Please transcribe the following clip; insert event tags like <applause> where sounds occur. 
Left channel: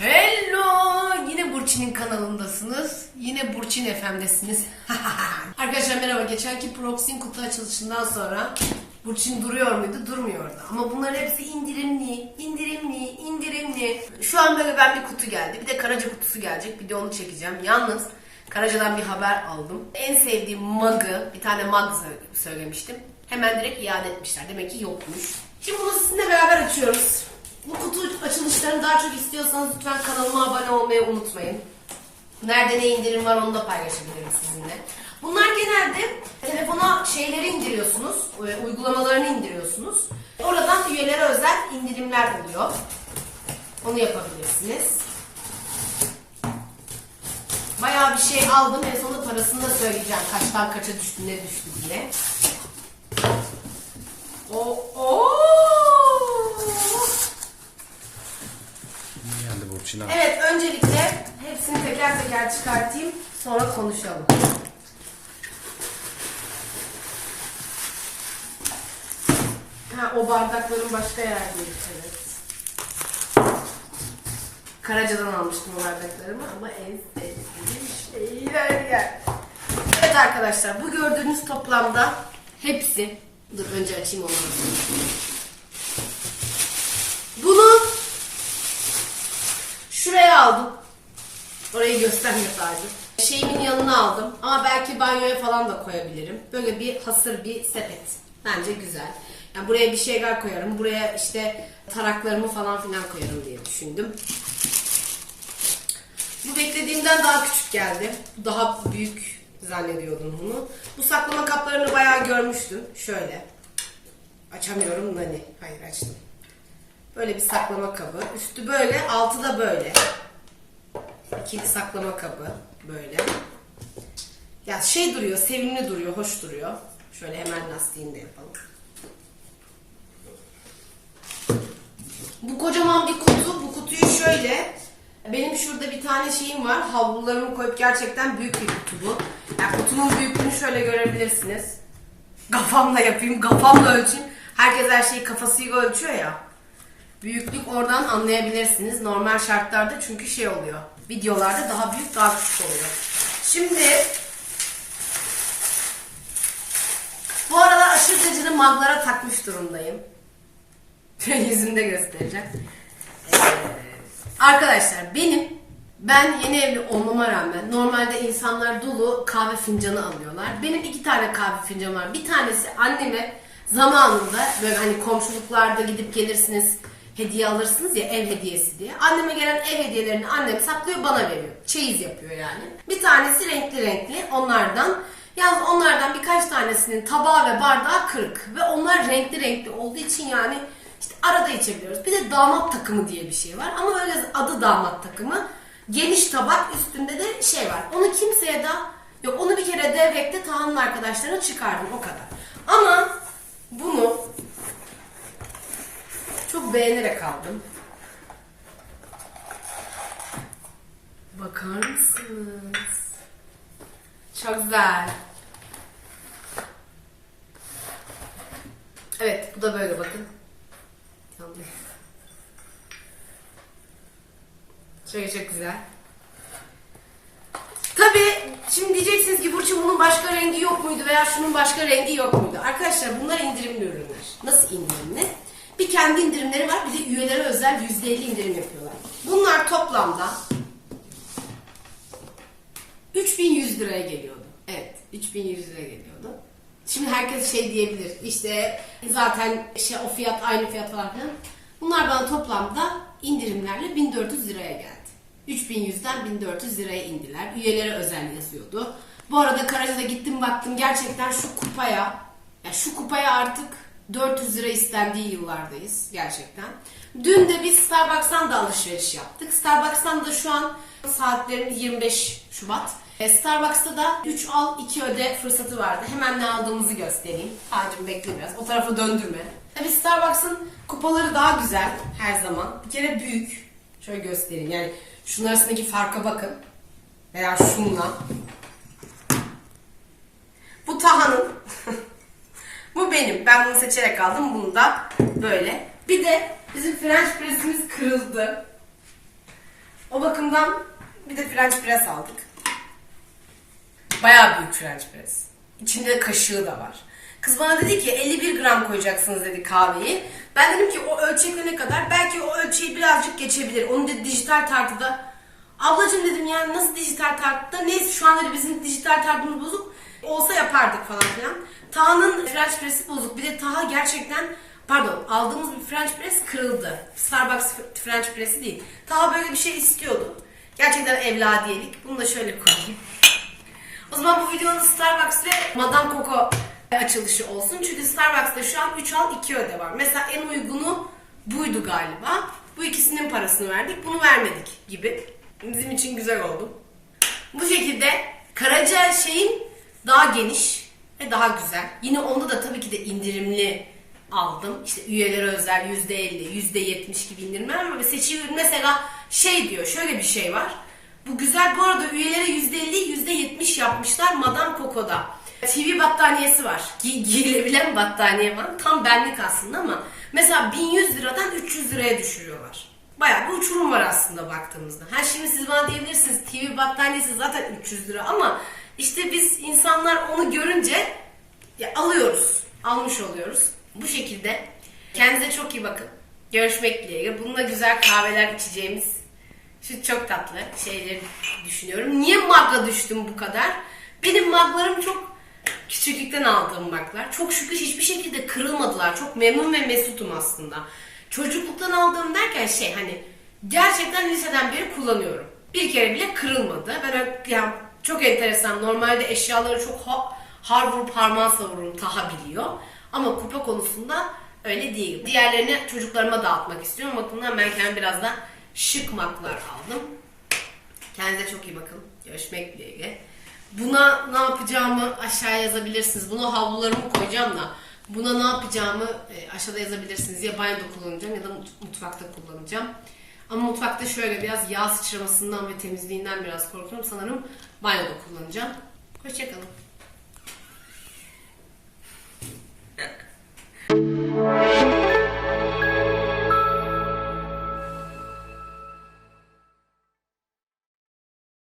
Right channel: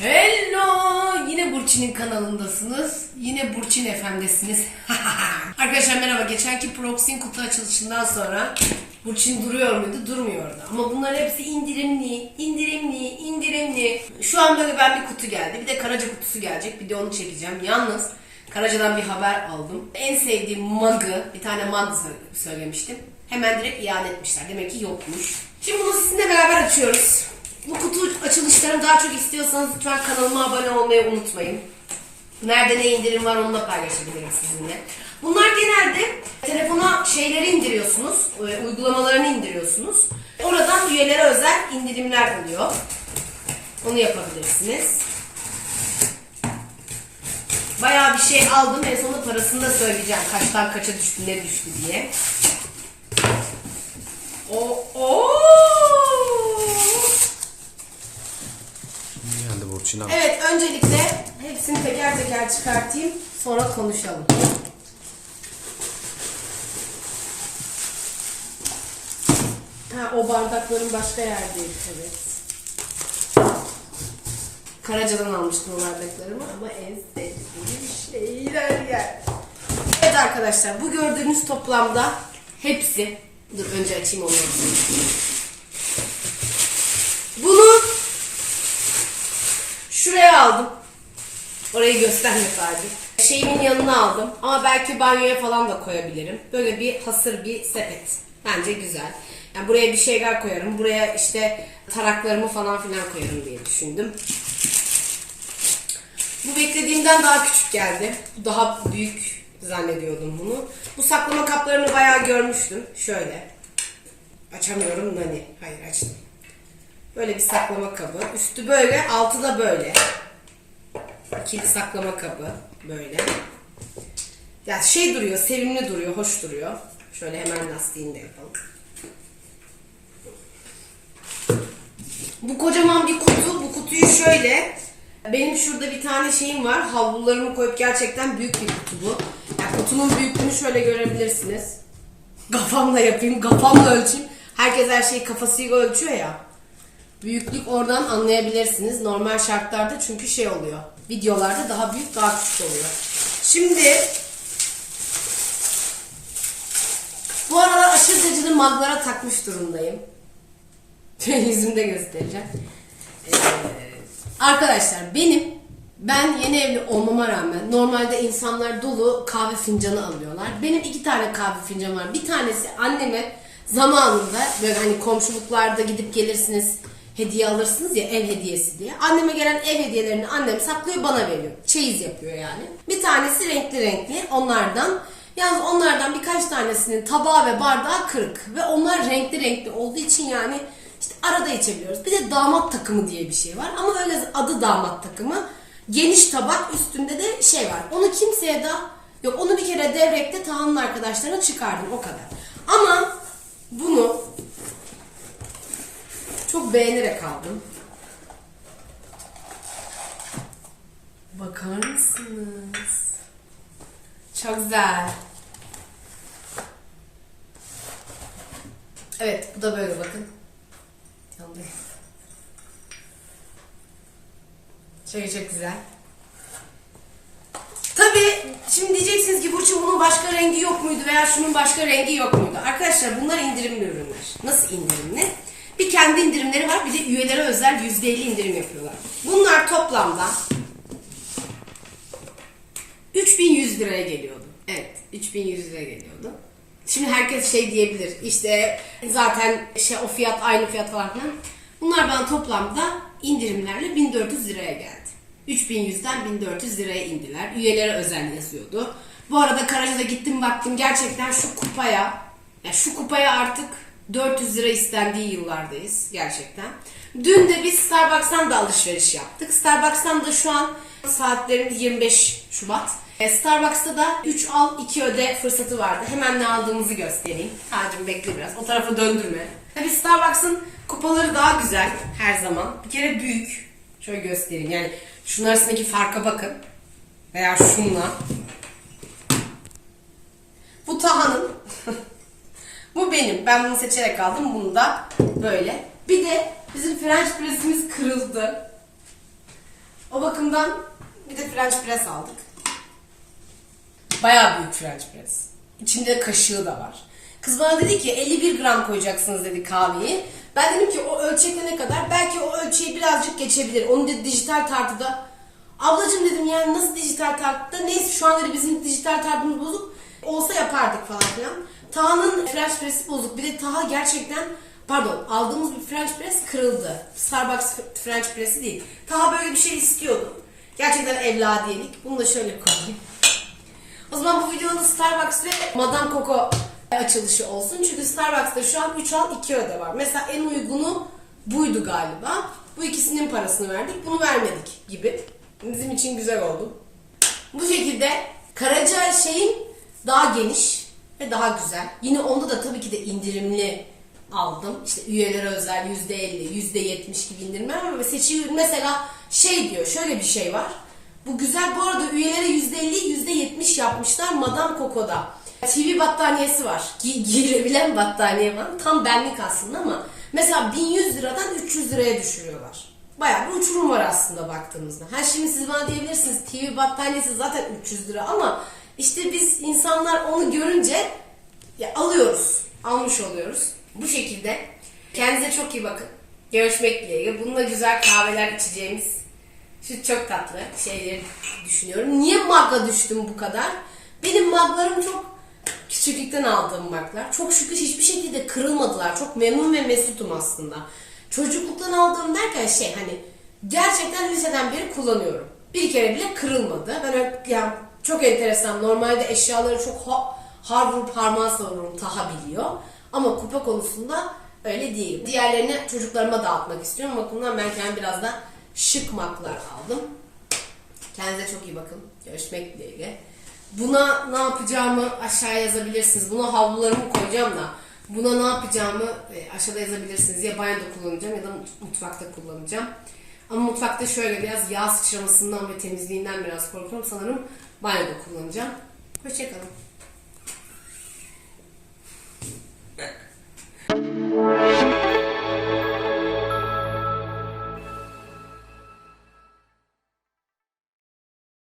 Hello! Yine Burçin'in kanalındasınız. Yine Burçin FM'desiniz. <laughs> Arkadaşlar merhaba. Geçenki Proxy'nin kutu açılışından sonra Burçin duruyor muydu? Durmuyordu. Ama bunların hepsi indirimli, indirimli, indirimli. Şu an böyle ben bir kutu geldi. Bir de Karaca kutusu gelecek. Bir de onu çekeceğim. Yalnız Karaca'dan bir haber aldım. En sevdiğim mug'ı, bir tane mug sö- söylemiştim. Hemen direkt iade etmişler. Demek ki yokmuş. Şimdi bunu sizinle beraber açıyoruz. Açılışlarını daha çok istiyorsanız lütfen kanalıma abone olmayı unutmayın. Nerede ne indirim var onu da paylaşabilirim sizinle. Bunlar genelde telefona şeyleri indiriyorsunuz, e, uygulamalarını indiriyorsunuz. Oradan üyelere özel indirimler oluyor. Onu yapabilirsiniz. Bayağı bir şey aldım. En sonunda parasını da söyleyeceğim. Kaçtan kaça düştü, ne düştü diye. O, o. Abi. Evet, öncelikle hepsini teker teker çıkartayım. Sonra konuşalım. Ha, o bardakların başka yerdeydi. Evet. Karaca'dan almıştım o bardaklarımı ama en sevdiğim şeyler yer. Evet arkadaşlar, bu gördüğünüz toplamda hepsi... Dur önce açayım onu. Bunu Şuraya aldım. Orayı gösterme sadece. Şeyimin yanına aldım ama belki banyoya falan da koyabilirim. Böyle bir hasır bir sepet. Bence güzel. Yani buraya bir şeyler koyarım. Buraya işte taraklarımı falan filan koyarım diye düşündüm. Bu beklediğimden daha küçük geldi. Daha büyük zannediyordum bunu. Bu saklama kaplarını bayağı görmüştüm. Şöyle. Açamıyorum nani. Hayır açtım. Böyle bir saklama kabı. Üstü böyle, altı da böyle. İkili saklama kabı böyle. Ya şey duruyor, sevimli duruyor, hoş duruyor. Şöyle hemen lastiğini de yapalım. Bu kocaman bir kutu. Bu kutuyu şöyle benim şurada bir tane şeyim var. Havlularımı koyup gerçekten büyük bir kutu bu. Yani kutunun büyüklüğünü şöyle görebilirsiniz. Kafamla yapayım, kafamla ölçeyim. Herkes her şeyi kafasıyla ölçüyor ya. Büyüklük oradan anlayabilirsiniz. Normal şartlarda çünkü şey oluyor. Videolarda daha büyük daha küçük oluyor. Şimdi bu aralar aşırı derecede maglara takmış durumdayım. <laughs> Yüzümde göstereceğim. Ee, arkadaşlar benim ben yeni evli olmama rağmen normalde insanlar dolu kahve fincanı alıyorlar. Benim iki tane kahve fincanım var. Bir tanesi anneme zamanında böyle hani komşuluklarda gidip gelirsiniz hediye alırsınız ya ev hediyesi diye. Anneme gelen ev hediyelerini annem saklıyor bana veriyor. Çeyiz yapıyor yani. Bir tanesi renkli renkli onlardan. Yalnız onlardan birkaç tanesinin tabağı ve bardağı kırık. Ve onlar renkli renkli olduğu için yani işte arada içebiliyoruz. Bir de damat takımı diye bir şey var. Ama öyle adı damat takımı. Geniş tabak üstünde de şey var. Onu kimseye de yok onu bir kere devrekte Tahan'ın arkadaşlarına çıkardım o kadar. Ama bunu çok beğenerek aldım. Bakar mısınız? Çok güzel. Evet bu da böyle bakın. Yandı. Şöyle çok güzel. Tabii şimdi diyeceksiniz ki Burcu bunun başka rengi yok muydu veya şunun başka rengi yok muydu? Arkadaşlar bunlar indirimli ürünler. Nasıl indirimli? Bir kendi indirimleri var bir de üyelere özel %50 indirim yapıyorlar. Bunlar toplamda 3100 liraya geliyordu. Evet 3100 liraya geliyordu. Şimdi herkes şey diyebilir işte zaten şey o fiyat aynı fiyat falan. Bunlar bana toplamda indirimlerle 1400 liraya geldi. 3100'den 1400 liraya indiler. Üyelere özel yazıyordu. Bu arada Karaca'da gittim baktım gerçekten şu kupaya ya şu kupaya artık 400 lira istendiği yıllardayız gerçekten. Dün de biz Starbucks'tan da alışveriş yaptık. Starbucks'tan da şu an saatlerimiz 25 Şubat. E, Starbucks'ta da 3 al 2 öde fırsatı vardı. Hemen ne aldığımızı göstereyim. Hacım bekle biraz. O tarafa döndürme. Tabii Starbucks'ın kupaları daha güzel her zaman. Bir kere büyük. Şöyle göstereyim. Yani şunun arasındaki farka bakın. Veya şunla. Bu Taha'nın. <laughs> Bu benim. Ben bunu seçerek aldım. Bunu da böyle. Bir de bizim French press'imiz kırıldı. O bakımdan bir de French press aldık. Bayağı büyük French press. İçinde kaşığı da var. Kız bana dedi ki 51 gram koyacaksınız dedi kahveyi. Ben dedim ki o ölçekle ne kadar? Belki o ölçeği birazcık geçebilir. Onu dedi dijital tartıda. Ablacım dedim yani nasıl dijital tartıda? Neyse şu an dedi bizim dijital tartımız bozuk. Olsa yapardık falan filan. Taha'nın French press'i bozuk. Bir de Taha gerçekten pardon aldığımız bir French press kırıldı. Starbucks French press'i değil. Taha böyle bir şey istiyordu. Gerçekten evladiyelik. Bunu da şöyle koyayım. O zaman bu videonun Starbucks ve Madame Coco açılışı olsun. Çünkü Starbucks'ta şu an 3 al 2 öde var. Mesela en uygunu buydu galiba. Bu ikisinin parasını verdik. Bunu vermedik gibi. Bizim için güzel oldu. Bu şekilde Karaca şeyin daha geniş ve daha güzel. Yine onda da tabii ki de indirimli aldım. İşte üyelere özel %50, %70 gibi indirimler var ürün mesela şey diyor, şöyle bir şey var. Bu güzel bu arada üyelere %50, %70 yapmışlar Madame Coco'da. TV battaniyesi var. Gi- giyilebilen battaniye var. Tam benlik aslında ama mesela 1100 liradan 300 liraya düşürüyorlar. Bayağı bir uçurum var aslında baktığımızda. Ha şimdi siz bana diyebilirsiniz TV battaniyesi zaten 300 lira ama işte biz insanlar onu görünce ya alıyoruz. Almış oluyoruz. Bu şekilde. Kendinize çok iyi bakın. Görüşmek dileğiyle. Bununla güzel kahveler içeceğimiz şu çok tatlı şeyleri düşünüyorum. Niye magla düştüm bu kadar? Benim maglarım çok küçüklükten aldığım maglar. Çok şükür hiçbir şekilde kırılmadılar. Çok memnun ve mesutum aslında. Çocukluktan aldığım derken şey hani gerçekten liseden beri kullanıyorum. Bir kere bile kırılmadı. Ben yani çok enteresan. Normalde eşyaları çok ha, har vurup harman savururum. Taha biliyor. Ama kupa konusunda öyle değil. Diğerlerini çocuklarıma dağıtmak istiyorum. Bakımdan ben kendim biraz da şık maklar aldım. Kendinize çok iyi bakın. Görüşmek dileğiyle. Buna ne yapacağımı aşağıya yazabilirsiniz. Buna havlularımı koyacağım da buna ne yapacağımı e, aşağıda yazabilirsiniz. Ya banyoda kullanacağım ya da mut- mutfakta kullanacağım. Ama mutfakta şöyle biraz yağ sıçramasından ve temizliğinden biraz korkuyorum. Sanırım banyoda kullanacağım. Hoşçakalın.